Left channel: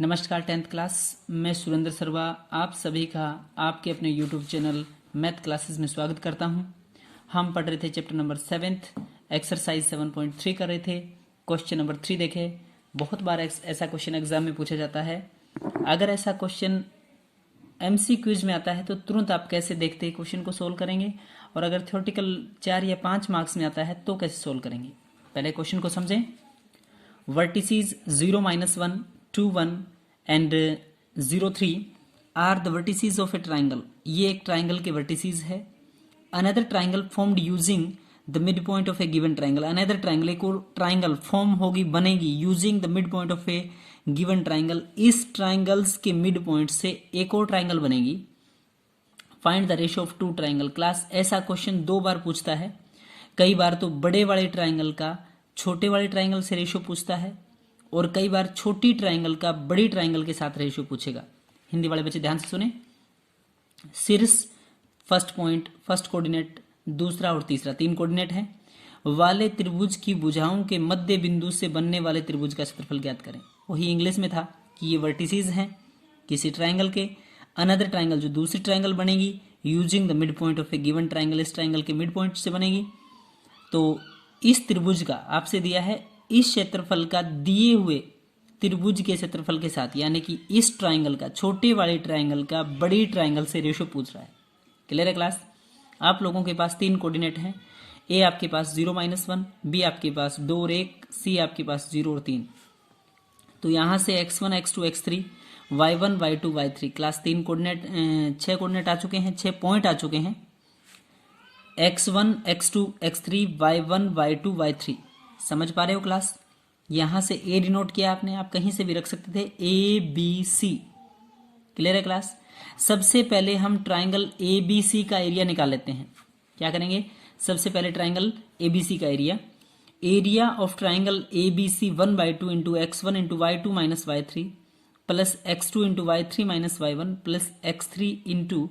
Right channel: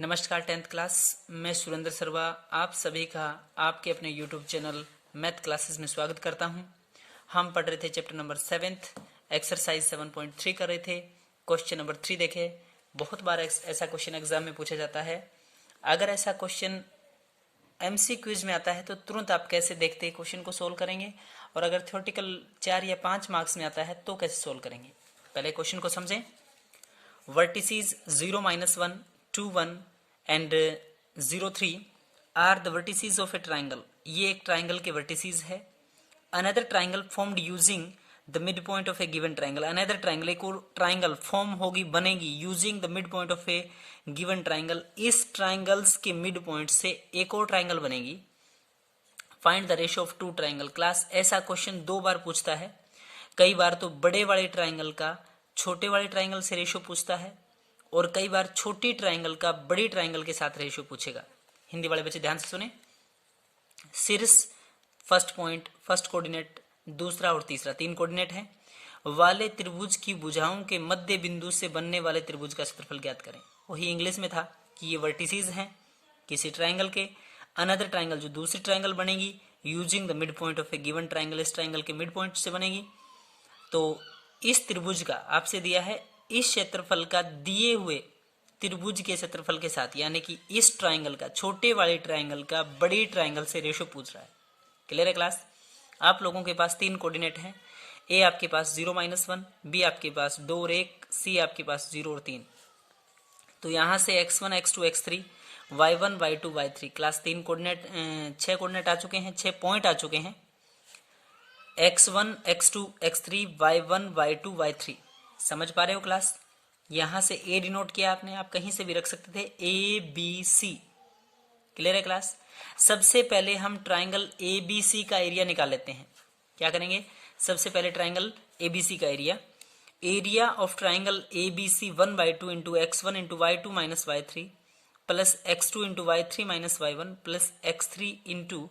नमस्कार 10th class. मैं सुरेंद्र सर्वा आप सभी का आपके अपने YouTube चैनल मैथ क्लासेस में स्वागत करता हूं। हम पढ़ रहे थे चैप्टर नंबर 7 एक्सरसाइज 7.3 कर रहे थे। क्वेश्चन नंबर 3 देखे। बहुत बार ऐसा क्वेश्चन एग्जाम में पूछा जाता है। अगर ऐसा क्वेश्चन MCQs में आता है तो तुरंत आप कैसे देखते क्वेश्चन को सोल्व करेंगे, और अगर थ्योरेटिकल 4 या 5 मार्क्स में आता है तो कैसे सोल्व करेंगे। पहले क्वेश्चन को समझें। Vertices 0, -1, 2, 1 and 0, 3 are the vertices of a triangle. ये एक ट्राइंगल के वर्टिसेस है। Another triangle formed using the mid point of a given triangle. Another triangle, एक और ट्राइंगल फॉर्म होगी, बनेगी using the mid point of a given triangle. इस triangles के मिड पॉइंट से एक और ट्राइंगल बनेगी। Find the ratio of two triangle. Class ऐसा क्वेश्चन 2 बार पूछता है। कई बार तो बड़े वाले ट्राइंगल का छोटे वाले ट्राइंगल से रेशियो पूछता है, और कई बार छोटी ट्राइंगल का बड़ी ट्राइंगल के साथ रेशियो पूछेगा। हिंदी वाले बच्चे ध्यान से सुने। शीर्ष फर्स्ट पॉइंट, फर्स्ट कोऑर्डिनेट, दूसरा और तीसरा 3 कोऑर्डिनेट है वाले त्रिभुज की भुजाओं के मध्य बिंदु से बनने वाले त्रिभुज का क्षेत्रफल ज्ञात करें। वही इंग्लिश में था कि ये वर्टिसेस हैं किसी ट्राइंगल के। अनदर ट्राइंगल, जो दूसरी ट्राइंगल बनेगी, using the mid point of a given triangle, इस ट्राइंगल के मिड पॉइंट से बनेगी। तो इस त्रिभुज का आपसे दिया है, इस क्षेत्रफल का दिए हुए त्रिभुज के क्षेत्रफल के साथ, यानी कि इस ट्राइंगल का, छोटे वाले ट्राइंगल का बड़ी ट्राइंगल से रेशियो पूछ रहा है। क्लियर है क्लास। आप लोगों के पास 3 कोऑर्डिनेट हैं। ए आपके पास 0, -1, बी आपके पास 2 और 1, सी आपके पास 0 और 3। तो यहां से x1, x2, x3, y1, y2, y3 class 3 coordinate, 6 coordinate आ चुके हैं, 6 पॉइंट आ चुके हैं। x1, x2, x3, y1, y2, y3 समझ पा रहे हो क्लास। यहां से ए डिनोट किया आपने, आप कहीं से भी रख सकते थे, ABC। क्लियर है क्लास। सबसे पहले हम ट्राइंगल ABC का एरिया निकाल लेते हैं। क्या करेंगे, सबसे पहले ट्राइंगल ABC का area of triangle ABC 1/2 into x1 into y2 minus y3 plus x2 into y3 minus y1 plus x3 into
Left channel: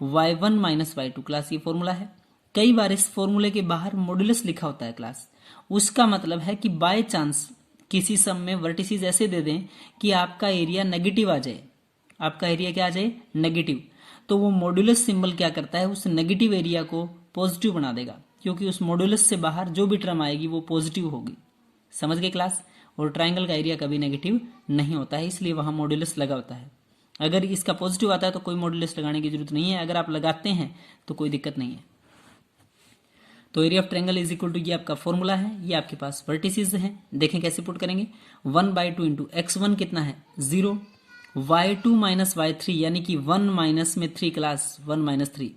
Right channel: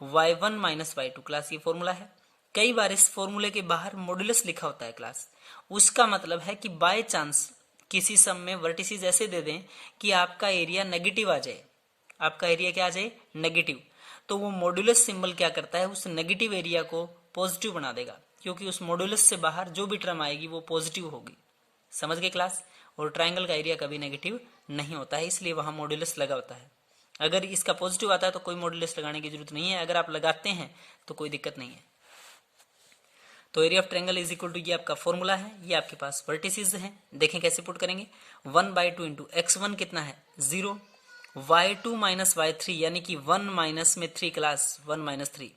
y1 minus y2। Class ये फॉर्मूला है। कई बार इस फॉर्मूले के बाहर मॉड्यूलस लिखा होता है क्लास। उसका मतलब है कि बाय चांस किसी सम में वर्टिसेस ऐसे दे दें कि आपका एरिया नेगेटिव आ जाए, आपका एरिया क्या आ जाए, नेगेटिव, तो वो मॉड्यूलस सिंबल क्या करता है, उस नेगेटिव एरिया को पॉजिटिव बना देगा, क्योंकि उस मॉड्यूलस से बाहर जो भी टर्म आएगी वो पॉजिटिव होगी। समझ गए क्लास। और ट्राइंगल का एरिया कभी नेगेटिव नहीं होता है, इसलिए वहां मॉड्यूलस लगा होता है। अगर इसका पॉजिटिव आता है तो कोई मॉड्यूलस लगाने की जरूरत नहीं है, अगर आप लगाते हैं तो कोई दिक्कत नहीं है। तो area of triangle is equal to, ये आपका फॉर्मूला है, ये आपके पास वर्टिसेस हैं। देखें कैसे पुट करेंगे। 1/2 इंटू x1 कितना है 0, y2 माइनस y3 यानी कि 1 माइनस में 3 क्लास 1 माइनस 3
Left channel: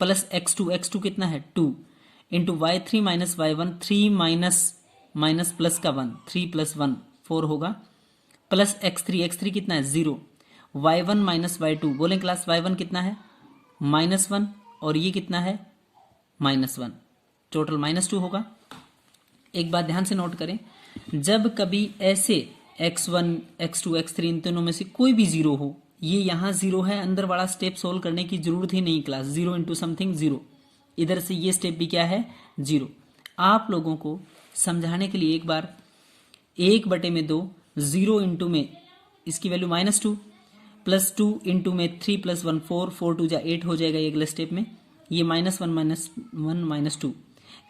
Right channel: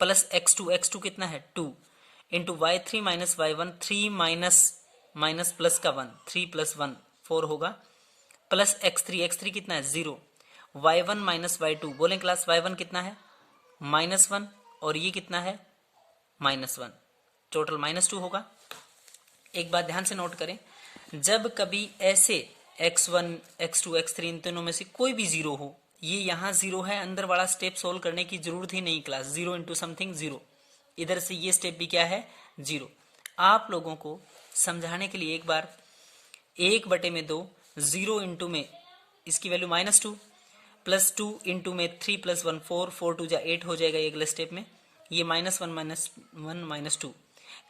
प्लस x2 कितना है 2 into y3 minus y1 3 minus plus का 1 3 प्लस 1 4 होगा प्लस x3 कितना है 0, y1 माइनस y2 बोलें क्लास y1 कितना है -1 और ये कितना है -1, टोटल -2 होगा। एक बात ध्यान से नोट करें, जब कभी ऐसे x1, x2, x3 इन तीनों में से कोई भी 0 हो, ये यहां 0 है, अंदर वाला स्टेप सोल्व करने की जरूरत ही नहीं क्लास। 0 इंटू समथिंग 0, इधर से ये स्टेप भी क्या है 0। आप लोगों को समझाने के लिए एक बार 1/2 0 इंटू में इसकी वैल्यू -2 प्लस 2 इंटू में 3 प्लस 1 4 4 2 8 हो जाएगा ये अगले स्टेप में, ये -1 -2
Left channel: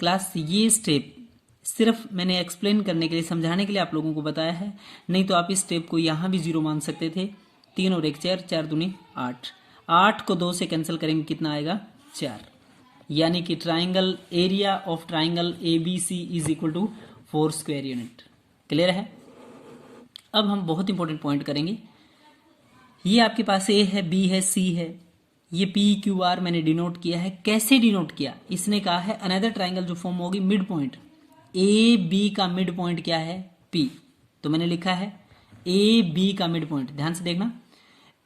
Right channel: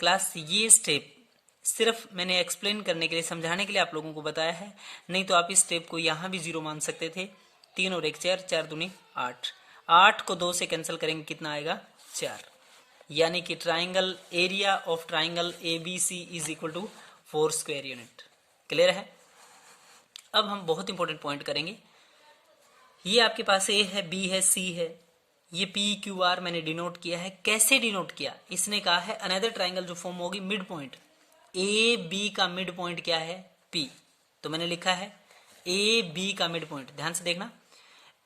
क्लास। ये स्टेप सिर्फ मैंने एक्सप्लेन करने के लिए, समझाने के लिए आप लोगों को बताया है, नहीं तो आप इस स्टेप को यहां भी 0 मान सकते थे। 3 और 1 4, 4 दूनी 8, 8 को 2 से कैंसिल करेंगे कितना आएगा 4, यानी कि triangle area of triangle ABC is equal to 4 square unit. Clear है। अब हम बहुत इंपॉर्टेंट पॉइंट करेंगे। ये आपके पास A है, B है, C है, ये PQR मैंने डिनोट किया है। कैसे डिनोट किया, इसने कहा है अनदर ट्राइंगल जो फॉर्म होगी मिड पॉइंट, AB का मिड पॉइंट क्या है P, तो मैंने लिखा है AB का मिड पॉइंट। ध्यान से देखना,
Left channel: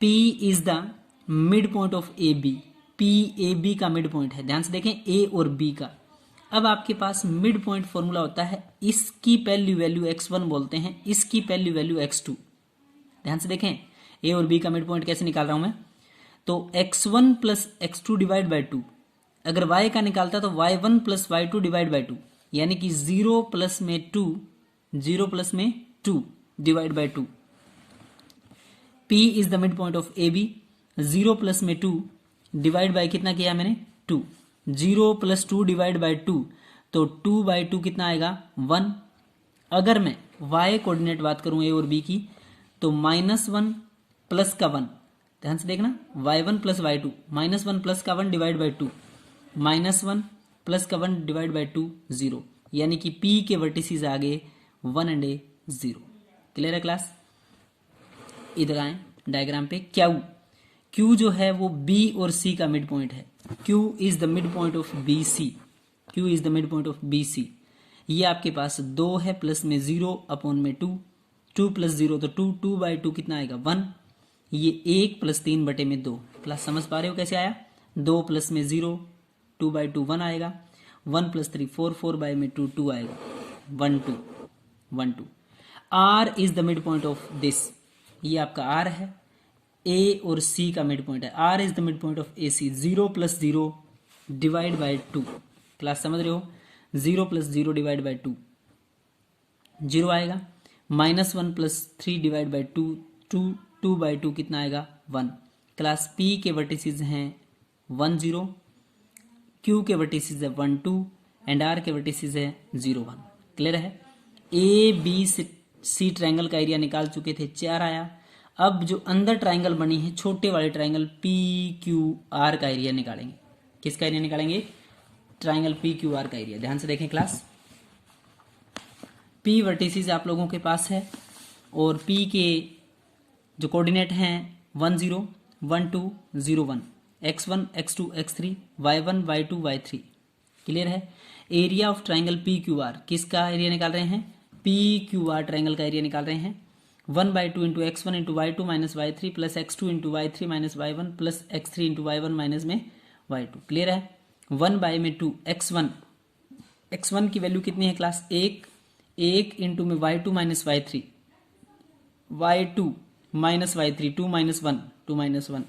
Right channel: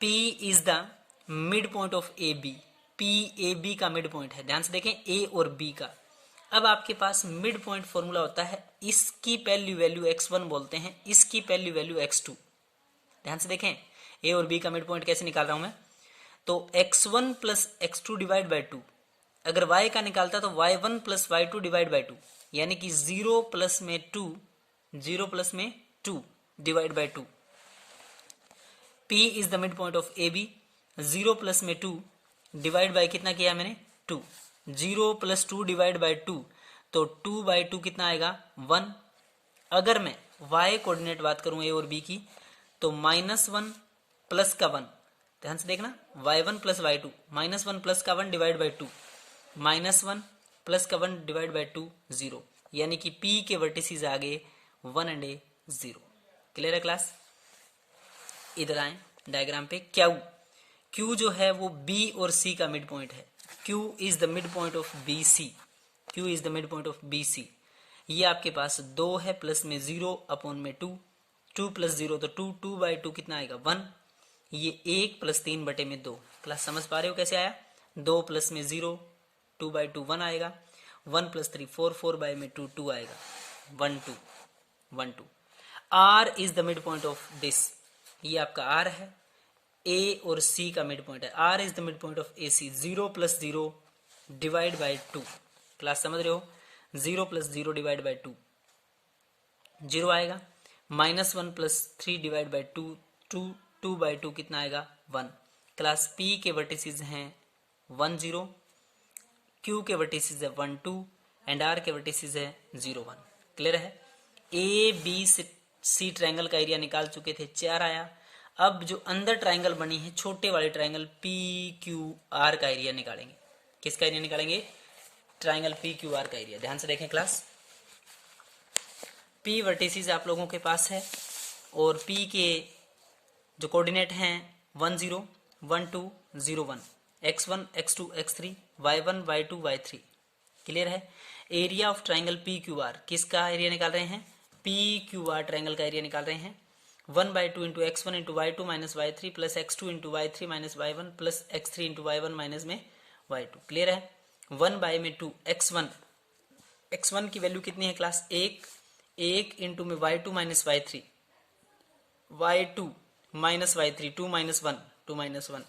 P is the mid point of AB, P AB का मिड पॉइंट है। ध्यान से देखें A और B का। अब आपके पास मिड पॉइंट फॉर्मूला होता है, इसकी पहली वैल्यू x1 बोलते हैं, इसकी पहली वैल्यू x2। ध्यान से देखें A और B का मिड पॉइंट कैसे निकाल रहा हूं मैं, तो x1 plus x2 divide by 2, अगर y का निकालता तो y1 plus y2 divide by 2, यानी कि 0 प्लस में 2 divide by 2 P is the mid point of AB। 0 plus में 2 डिवाइड बाय कितना किया मैंने 2। 0 प्लस 2 डिवाइड बाय 2 तो 2 बाय 2 कितना आएगा 1। अगर मैं y कोऑर्डिनेट बात करूं A और B की तो -1 प्लस का 1, ध्यान से देखना y1 प्लस y2, -1 प्लस का 1 डिवाइड बाय 2, -1 प्लस का 1 डिवाइड बाय 2 0, यानी कि P के वर्टिसेस आ गए 1 एंड 0। क्लियर है क्लास। इधर आए डायग्राम पे Q जो है वो B और C का मिड पॉइंट है। Q is the mid point of BC। Q is the mid point of BC। ये आपके पास 2 है प्लस में 0 अपॉन में 2, 2 प्लस 0 तो 2, 2 बाई 2 कितना आएगा 1। ये 1 प्लस 3 बटे में 2। क्लास समझ पा रहे हो कैसे आया। 2 प्लस में 0, 2 बाई 2 1 आएगा, 1 प्लस 3 4, 4 बाई में 2 2 आएगा, 1 2 1 2। R is the mid point of this. ये आपका R है, A और C का मिड पॉइंट है। R is the mid point of AC। 0 plus 0 divide by 2। Class समझ रहे हो। 0 प्लस 0 डिवाइड बाई 2 0 आएगा, -1 प्लस 3 डिवाइड बाई 2 2, 2 बाई 2 कितना आएगा 1। क्लास P के वर्टिसेस हैं 1 0, Q के वर्टिसेस है 1 2 एंड R के वर्टिसेस है 0 1। क्लियर है। ABC ट्रायंगल का एरिया निकाल चुके थे, 4 आया। अब जो अंदर ट्रायंगल बनी है छोटे वाले ट्रायंगल PQR का एरिया निकालेंगे। किसका एरिया निकालेंगे, ट्रायंगल PQR का एरिया। ध्यान से देखें क्लास। P वर्टिसेस आप लोगों के पास है और P के जो कोऑर्डिनेट हैं 1 0 1 2 0 1, x1 x2 x3 y1 y2 y3। Clear है। एरिया ऑफ ट्रायंगल PQR, किसका एरिया निकाल रहे हैं, PQR ट्रायंगल का एरिया निकाल रहे हैं। 1 by 2 into x1 into y2 minus y3 plus x2 into y3 minus y1 plus x3 into y1 minus में y2। क्लियर है। 1 बाई में 2 x1 की वैल्यू कितनी है क्लास 1 इंटू में y2 minus y3 y2 minus y3 2 minus 1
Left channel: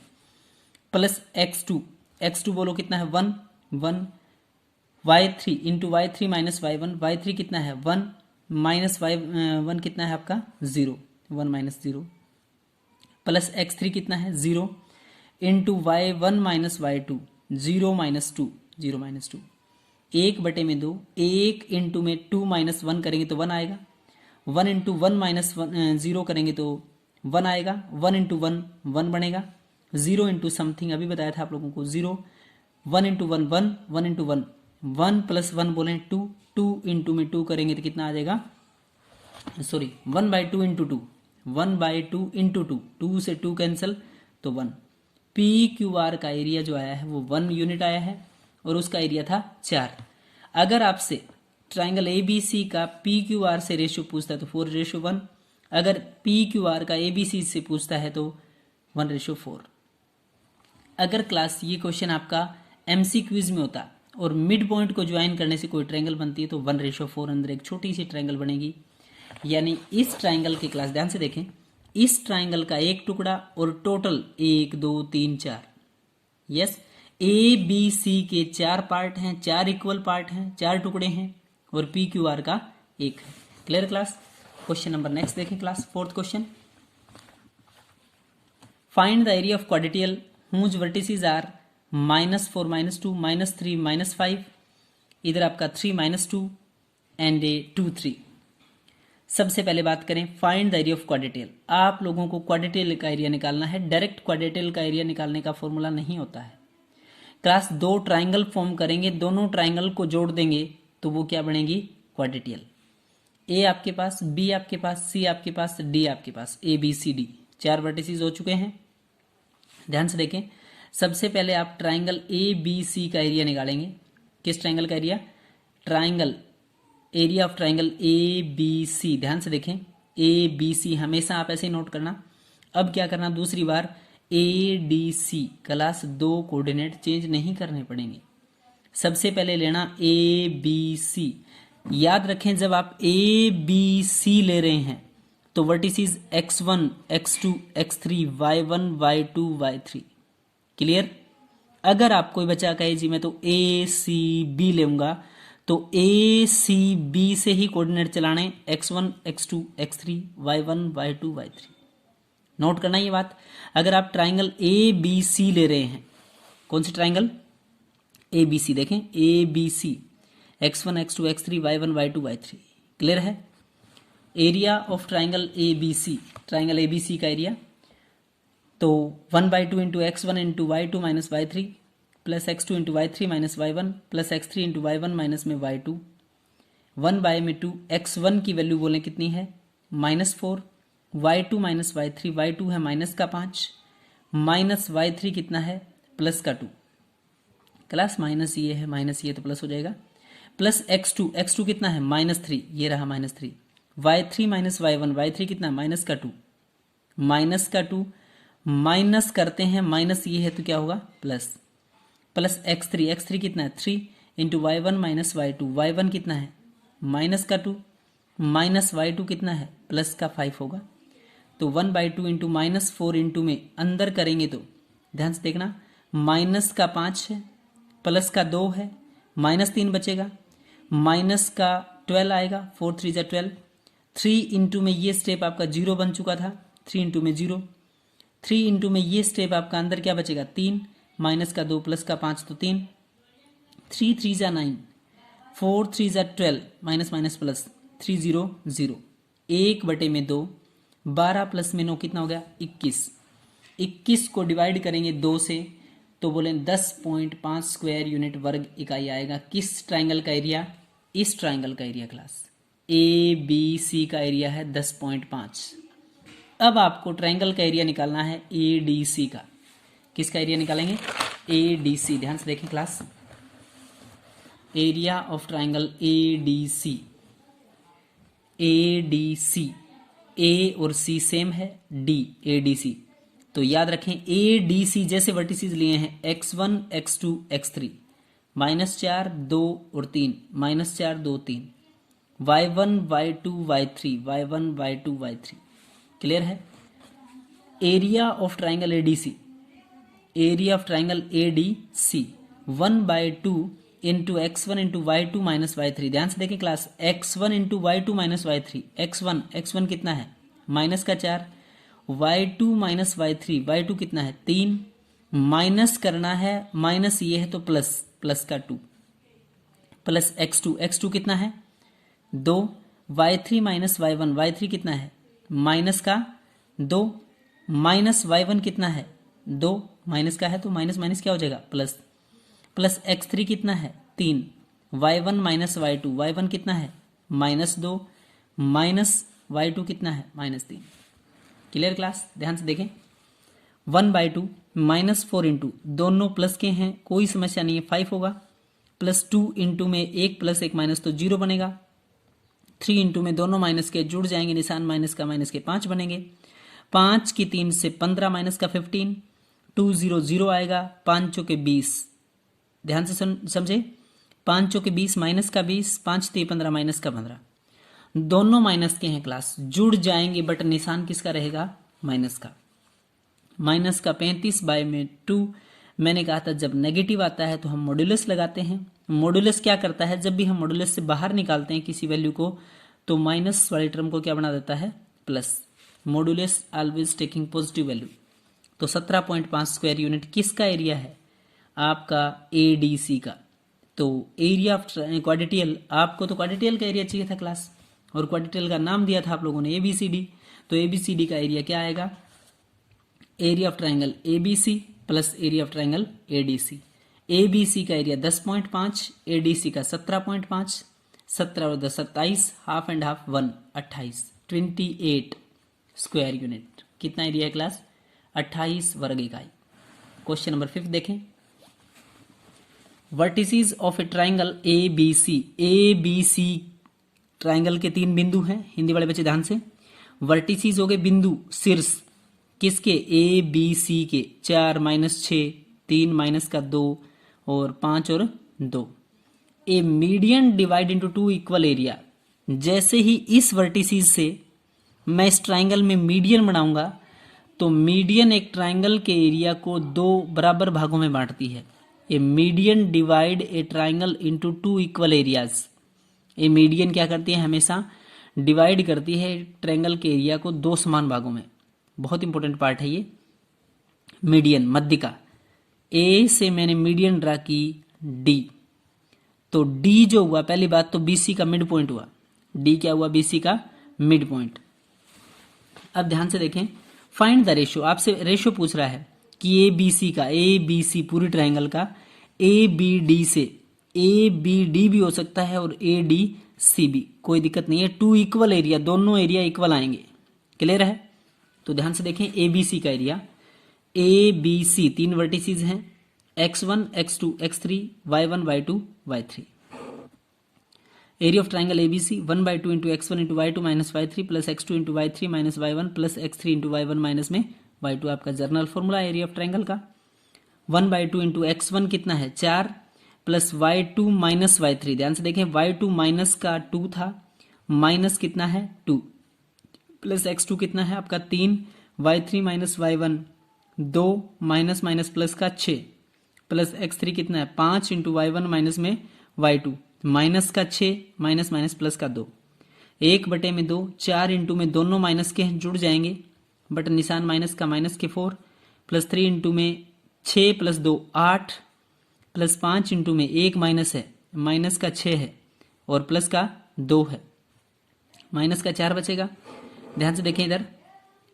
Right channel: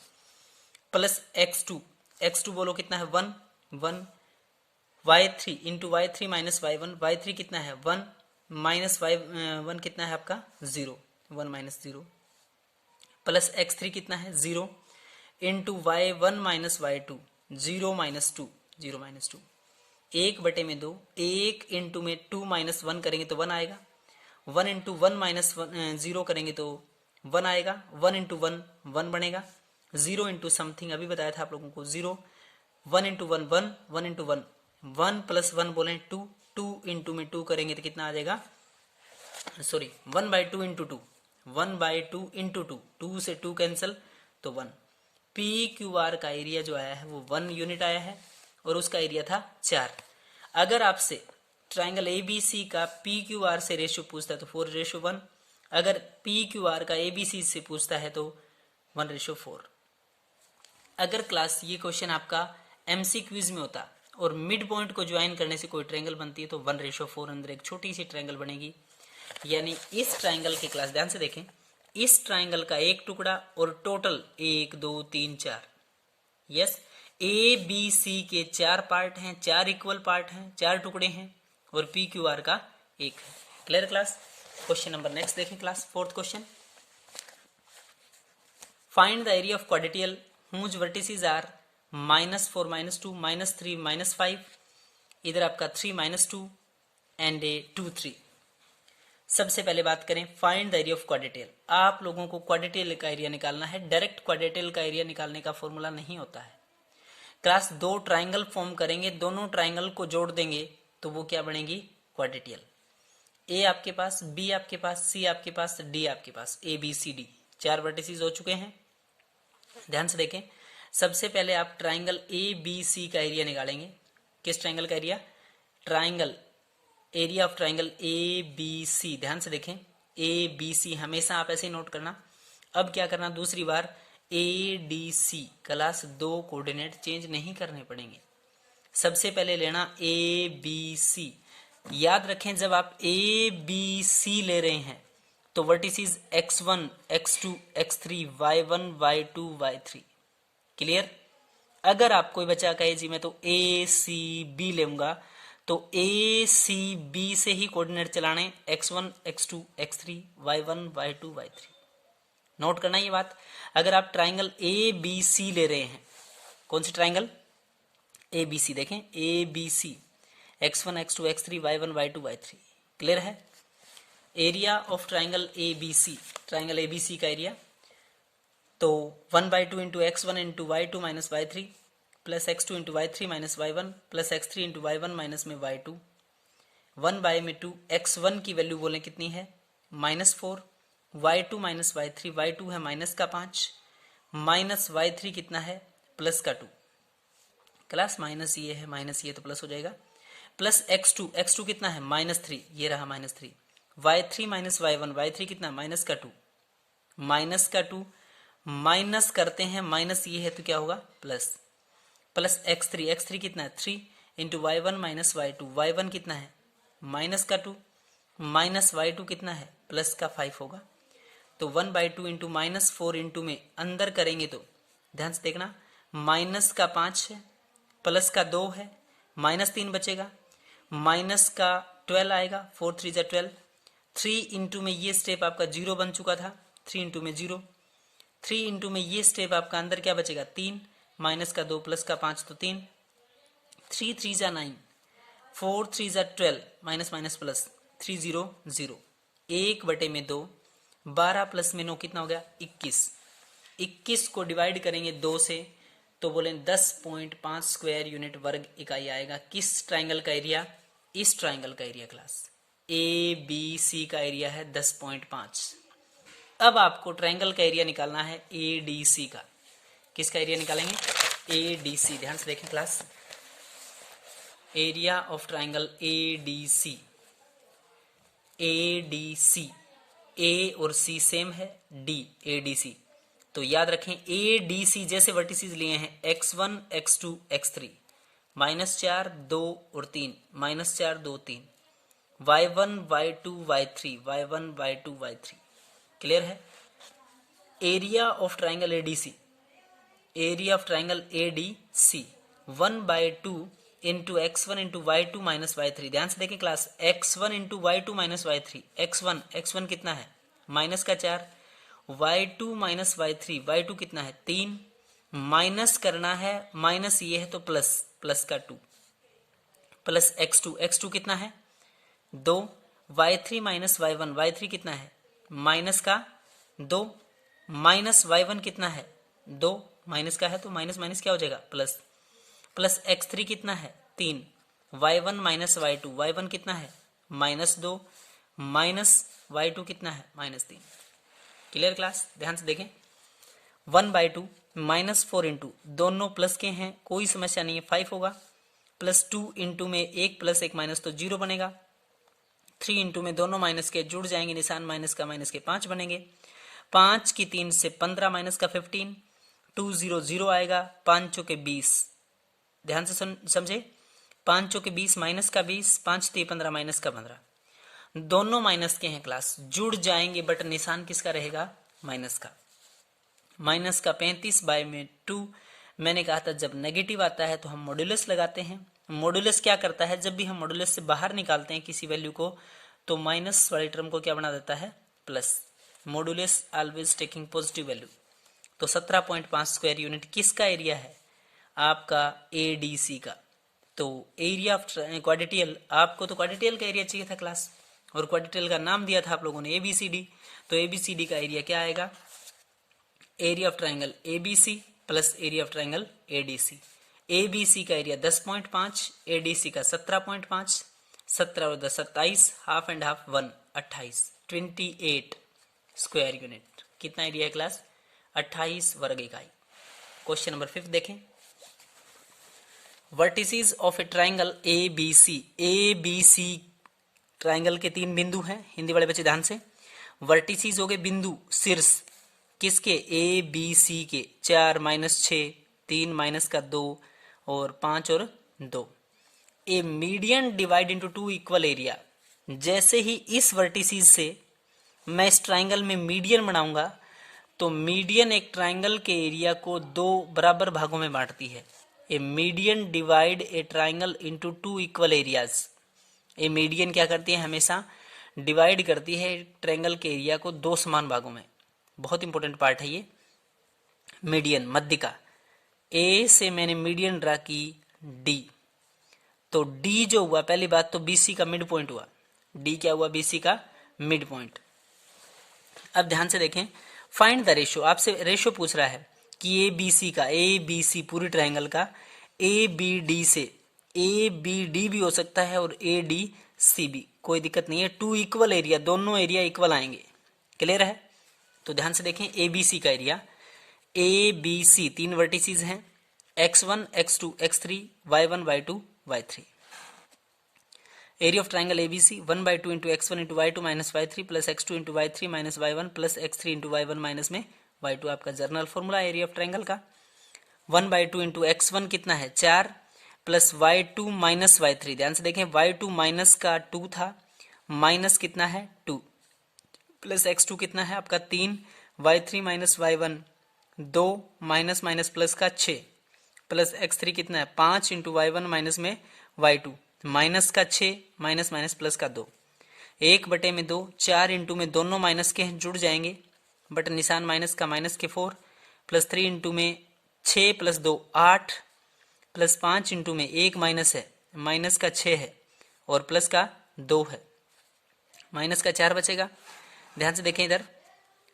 plus x2 बोलो कितना है 1 y3 into y3 minus y3 कितना है 1 माइनस y1 कितना है आपका 0 1 माइनस 0 प्लस x3 कितना है 0 into y1 minus y2 0 minus 2 1 बटे में 2, 1 इंटू में 2 माइनस 1 करेंगे तो 1 आएगा, 1 इंटू 1 माइनस 0 करेंगे तो 1 आएगा, 1 इंटू 1 1 बनेगा, 0 इंटू समथिंग अभी बताया था आप लोगों को 0, 1 इंटू 1 1, 1 इंटू 1 1 प्लस 1 बोले 2, 2 इंटू में 2 करेंगे तो कितना आ जाएगा, sorry 1 by 2 into 2, 1 by 2 into 2, 2 से 2 कैंसिल तो 1। PQR का एरिया जो आया है वो 1 यूनिट आया है और उसका एरिया था 4। अगर आपसे ट्रायंगल ABC का PQR से रेशियो पूछता है तो 4:1, अगर PQR का ABC से पूछता है तो 1:4। अगर क्लास ये क्वेश्चन आपका MC क्विज में होता और मिड पॉइंट को ज्वाइन करने से कोई ट्रायंगल बनती है तो 1:4 अंदर एक छोटी सी ट्रायंगल बनेगी। यानी इस ट्रायंगल की क्लास ध्यान से देखें, इस ट्रायंगल का एक टुकड़ा और टोटल 1 2 3 4, यस ABC के 4 पार्ट हैं, 4 इक्वल पार्ट हैं, 4 टुकड़े हैं और PQR का 1 है। Clear class. Question number next देखें class, 4th question. Find the area of quadrilateral whose vertices are -4 -2 -3 -5। इधर आपका 3 -2 एंड 2 3। सबसे पहले बात करें फाइंड द एरिया ऑफ क्वाड्रेटियल। आप लोगों को क्वाड्रेटियल का एरिया निकालना है। डायरेक्ट क्वाड्रेटियल का एरिया निकालने का फॉर्मूला नहीं होता है क्लास। 2 ट्रायंगल फॉर्म करेंगे, दोनों ट्रायंगल को जोड़ देंगे तो वो क्या बनेगी, क्वाड्रेटियल। A आपके पास, B आपके पास, C आपके पास, D आपके पास, ABCD 4 वर्टिसेस हो चुके हैं। ध्यान से देखें, सबसे पहले आप ट्रायंगल ABC का एरिया निकालेंगे। किस ट्रायंगल का area, triangle area of triangle ABC। ध्यान से देखें ABC, हमेशा आप ऐसे ही नोट करना। अब क्या करना, दूसरी बार ADC। क्लास 2 कोऑर्डिनेट चेंज नहीं करने पड़ेंगे। सबसे पहले लेना ABC। याद रखें जब आप ABC ले रहे हैं तो vertices x1 x2 x3 y1 y2 y3। Clear. अगर आप कोई बच्चा कहे जी मैं तो ACB लेऊंगा तो ACB से ही कोऑर्डिनेट चलाने x1 x2 x3 y1 y2 y3। Note करना ये बात। अगर आप ट्राइंगल ए बी सी ले रहे हैं, कौन सी ट्राइंगल ए बी सी, देखें A B C, x1 x2 x3 y1 y2 y3, clear है। Area of triangle A B C, triangle A B C का एरिया, तो 1/2 into x1 into y2 minus y3 plus x2 into y3 minus y1 plus x3 into y1 minus में y2, 1/2 x1 की value बोलें कितनी है -4, y2 minus y3, y2 है -5 minus y3 कितना है +2, क्लास माइनस ये है माइनस ये तो प्लस हो जाएगा, प्लस x2 कितना है -3, ये रहा -3, y3 माइनस y1, y3 कितना -2, -2 माइनस करते हैं, माइनस ये है तो क्या होगा प्लस x3 कितना है 3 into y1 minus y2, y1 कितना है -2 माइनस y2 कितना है +5 होगा। तो 1/2 इंटू -4 इंटू में अंदर करेंगे तो ध्यान से देखना, -5 है, +2 है, -3 बचेगा, -12 आएगा, 4 3 जा 12, 3 इंटू में ये स्टेप आपका 0 बन चुका था, 3 इंटू में 0, 3 इंटू में ये स्टेप आपका अंदर क्या बचेगा 3, -2 +5 तो 3, 3 3 जा 9, 4 3 जा 12, माइनस माइनस प्लस 3 0 0, 1/2, 12 प्लस में 9 कितना हो गया 21, 21 को डिवाइड करेंगे 2 से तो बोले 10.5 स्क्वायर यूनिट वर्ग इकाई आएगा। किस ट्राइंगल का एरिया, इस ट्राइंगल का area class A B C का एरिया है 10.5। अब आपको ट्राइंगल का एरिया निकालना है ए डी सी का। किसका एरिया निकालेंगे ए डी सी, ध्यान से देखें class, area of triangle A D C, A D C, A और सी सेम है, डी ए डी सी, तो याद रखें ए डी सी जैसे वर्टिसेस लिए हैं x1 x2 x3, -4 2 और 3, -4 2 3, y1 y2 y3, y1 y2 y3, clear है। Area of triangle ADC, area of triangle ADC 1/2 into x1 into y2 minus y3, ध्यान से देखें class, x1 into y2 minus y3, x1 कितना है -4, y2 minus y3, y2 कितना है 3, minus करना है, माइनस ये है तो +2, प्लस x2 कितना है 2, y3 माइनस y1, y3 कितना है -2, माइनस y1 कितना है 2, माइनस का है तो माइनस माइनस क्या हो जाएगा प्लस x3 कितना है 3, y1 माइनस y2, y1 कितना है -2, माइनस y2 कितना है -3, क्लियर क्लास। ध्यान से देखें 1/2 -4 इंटू, दोनों प्लस के हैं कोई समस्या नहीं है, 5 होगा, +2 इंटू में 1 + 1 माइनस तो 0 बनेगा, 3 इंटू में दोनों माइनस के जुड़ जाएंगे, निशान माइनस के 5 बनेंगे, 5 की 3 से 15 माइनस का 15, 2 0 0 आएगा, 5 चौके 20, ध्यान से समझे, 5 चौके 20 माइनस का 20, 5 3 15 माइनस का 15, दोनों माइनस के हैं क्लास, जुड़ जाएंगे बट निशान किसका रहेगा माइनस का 35/2। मैंने कहा था जब नेगेटिव आता है तो हम मॉड्यूलस लगाते हैं। मॉड्यूलस क्या करता है, जब भी हम मॉड्यूलस से बाहर निकालते हैं किसी वैल्यू को तो माइनस वाली टर्म को क्या बना देता है plus, modulus always taking positive value. तो 17.5 स्क्वायर यूनिट किसका एरिया है आपका एडीसी का। तो एरिया ऑफ क्वाड्रेटियल, आपको तो क्वाड्रेटियल का एरिया चाहिए था क्लास, और क्वाड्रेटियल का नाम दिया था आप लोगों ने एबीसीडी, तो एबीसीडी का एरिया क्या आएगा, area of triangle ABC plus area of triangle ADC. ABC का एरिया 10.5, एडीसी का 17.5, 17 और 10 27, half and half 1 28, 28 square unit. कितना एरिया है क्लास 28 वर्ग इकाई। क्वेश्चन नंबर 5 देखें, vertices of a triangle ABC, ABC triangle के 3 बिंदु हैं, हिंदी वाले बच्चे ध्यान से, वर्टिसेस हो गए बिंदु शीर्ष किसके ए बी सी के, 4 -6 3 -2 और 5 और 2। A median divide into 2 equal area, जैसे ही इस वर्टिसेस से मैं इस ट्राइंगल में मीडियन बनाऊंगा तो मीडियन एक ट्राइंगल के एरिया को 2 बराबर भागों में बांटती है। A median divide a triangle into 2 equal areas. A median क्या करती है, हमेशा डिवाइड करती है ट्राइंगल के एरिया को 2 समान भागों में। बहुत इंपॉर्टेंट पार्ट है ये। मीडियन, मध्यिका, ए से मैंने मीडियन ड्रा की डी, तो डी जो हुआ, पहली बात तो बीसी का मिड पॉइंट हुआ। डी क्या हुआ? बीसी का मिड पॉइंट। अब ध्यान से देखें, फाइंड द रेशियो, आपसे रेशियो पूछ रहा है कि ए बी सी का, ए बी सी पूरी ट्राइंगल का ए बी डी से, ए बी डी भी हो सकता है और ए डी सी भी, कोई दिक्कत नहीं है। टू इक्वल एरिया, दोनों एरिया इक्वल आएंगे। क्लियर है? तो ध्यान से देखें, ए बी सी का एरिया, ए बी सी तीन वर्टिसेस हैं, x1 x2 x3 y1 y2 y3। Area of triangle ABC 1/2 into x1 into y2 minus y3 plus x2 into y3 minus y1 plus x3 into y1 minus में y2, आपका journal formula area of triangle का। 1/2 into x1 कितना है? 4 plus y2 minus y3, ध्यान से देखें y2 minus का 2 था, माइनस कितना है 2, प्लस x2 कितना है आपका 3, y3 minus y1 2, minus minus plus का 6, प्लस x3 कितना है 5 इंटू y1 माइनस में y2, माइनस का 6 माइनस माइनस प्लस का 2, 1/2, 4 इंटू में दोनों माइनस के जुड़ जाएंगे, बट निशान माइनस का, माइनस के 4, प्लस 3 इंटू में 6 प्लस 2 8, प्लस 5 इंटू में 1 माइनस है, माइनस का 6 है और प्लस का 2 है, माइनस का 4 बचेगा। ध्यान से देखें इधर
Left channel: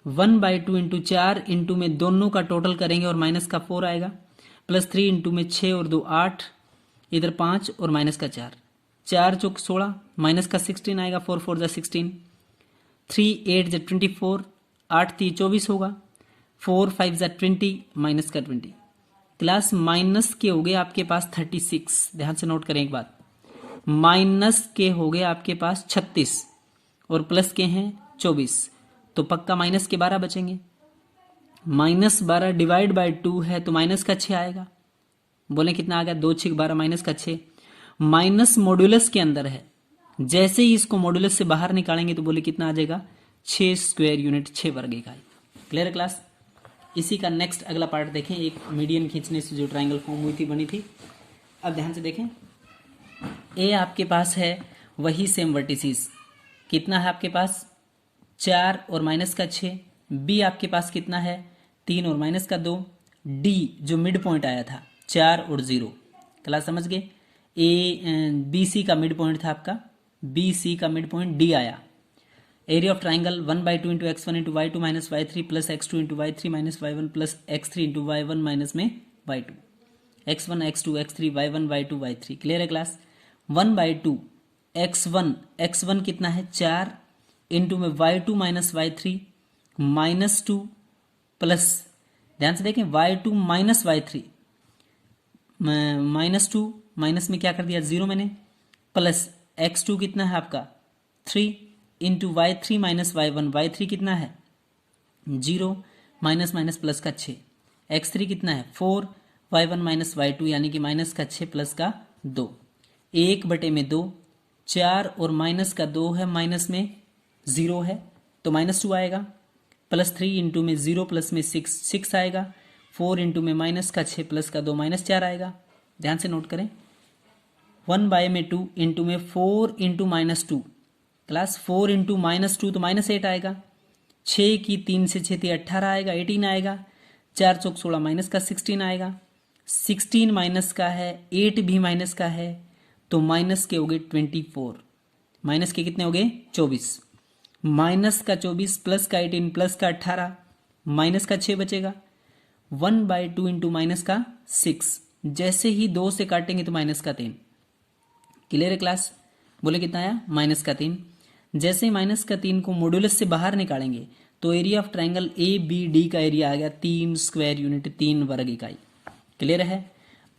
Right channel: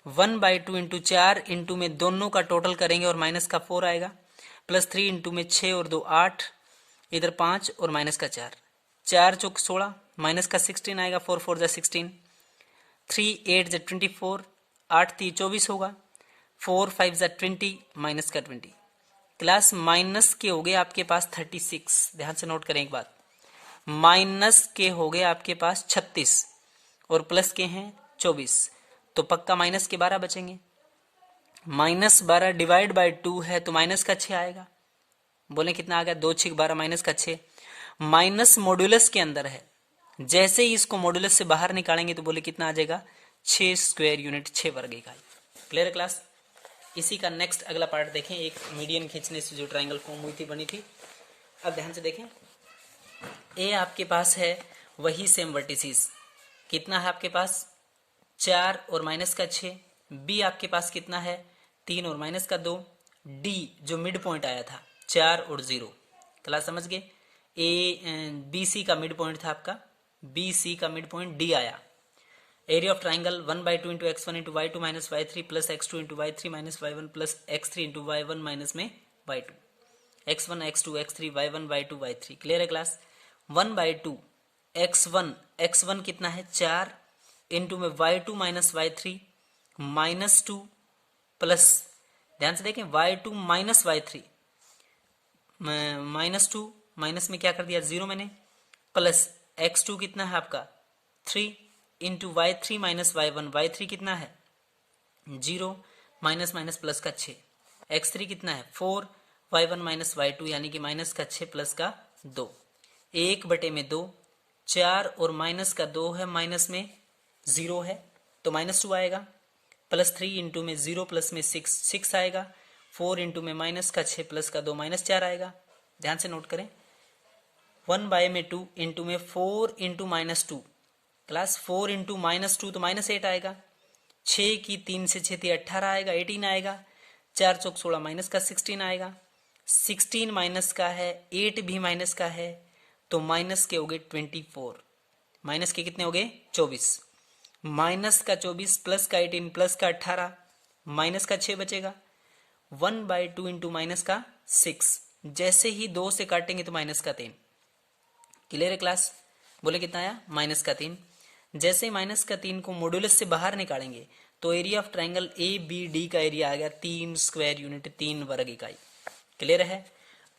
1/2 इंटू 4 इंटू में दोनों का टोटल करेंगे और माइनस का 4 आएगा, प्लस 3 इंटू में 6 और 2 8, इधर 5 और माइनस का 4, 4 चौक 16, माइनस का 16 आएगा, 4 4 जा 16, 3 8 जा 24, 8 3 24 होगा, 4 5 जा 20, माइनस का 20। क्लास माइनस के हो गए आपके पास 36, ध्यान से नोट करें एक बात, माइनस के हो गए आपके पास 36 और प्लस के हैं 24, तो पक्का माइनस के 12 बचेंगे। माइनस 12 डिवाइड बाय 2 है तो माइनस का 6 आएगा। बोले कितना आ गया? 2 6 12 माइनस का 6। माइनस मॉड्यूलस के अंदर है, जैसे ही इसको मॉड्यूलस से बाहर निकालेंगे तो बोले कितना आ जाएगा? 6 स्क्वायर यूनिट, 6 वर्ग इकाई। Clear class? इसी का नेक्स्ट अगला पार्ट देखें, एक मीडियन खींचने से जो ट्राइंगल फॉर्म हुई थी, बनी थी। अब ध्यान से देखें, ए आपके पास है वही सेम वर्टिसेस, कितना है आपके पास? 4 और माइनस का 6। बी आपके पास कितना है? 3 और माइनस का 2। डी जो मिड पॉइंट आया था 4 और 0, क्लास समझ गए? बी सी का मिड पॉइंट था आपका, बी सी का मिड पॉइंट डी आया। Area of triangle 1/2 into x1 into y2 minus y3 plus x2 into y3 minus y1 plus x3 into y1 minus में y2, x1 x2 x3 y1 y2 y3। Clear है class? 1/2 x1 कितना है? 4 into में y2 minus y3 minus 2 plus, ध्यान से देखें y2 minus y3 minus 2, minus में क्या कर दिया? 0 मैंने, प्लस x2 कितना है आपका? 3 into y3 minus y1, y3 कितना है? 0, माइनस माइनस प्लस का 6, x3 कितना है? 4, y1 माइनस y2 यानी कि माइनस का 6 प्लस का 2, 1/2, 4 और माइनस का 2 है, माइनस में 0 है तो माइनस 2 आएगा, प्लस 3 इंटू में 0 प्लस में 6 आएगा, 4 इंटू में माइनस का 6 प्लस का 2 माइनस 4 आएगा। ध्यान से नोट करें, 1/2 इंटू में 4 into minus 2, class 4 into minus 2 तो माइनस 8 आएगा, 6 की 3 से 6 18 आएगा, 18 आएगा, 4 चौक 16 माइनस का 16 आएगा, 16 माइनस का है, 8 भी माइनस का है, तो माइनस के हो गए 24, माइनस के कितने हो गए? 24, माइनस का 24 प्लस का 18 प्लस का 18, माइनस का 6 बचेगा। 1/2 इंटू माइनस का 6, जैसे ही 2 से काटेंगे तो माइनस का 3। क्लियर है क्लास? बोले कितना आया? माइनस का 3। जैसे ही माइनस का 3 को मॉड्यूलस से बाहर निकालेंगे तो area of triangle A B D का एरिया आ गया 3 स्क्वायर यूनिट, 3 वर्ग इकाई। क्लियर है?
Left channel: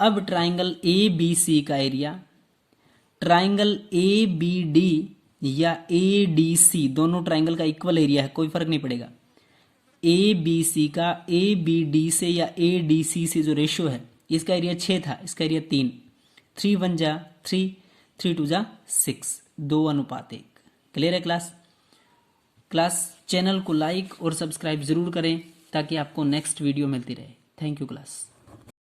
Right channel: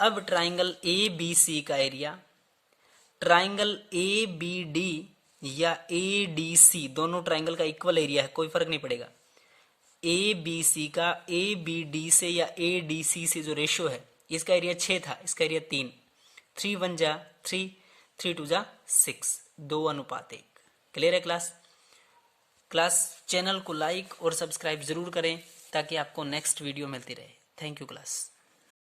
अब ट्राइंगल ए बी सी का area, triangle A B D या ए डी सी, दोनों ट्राइंगल का इक्वल एरिया है, कोई फर्क नहीं पड़ेगा। ए बी सी का ए बी डी से या ए डी सी से जो रेशियो है, इसका एरिया 6 था, इसका एरिया 3, 3 1 जा 3, 3 2 जा 6, 2:1। क्लियर है क्लास? क्लास चैनल को लाइक और सब्सक्राइब जरूर करें ताकि आपको नेक्स्ट वीडियो मिलती रहे। Thank you class.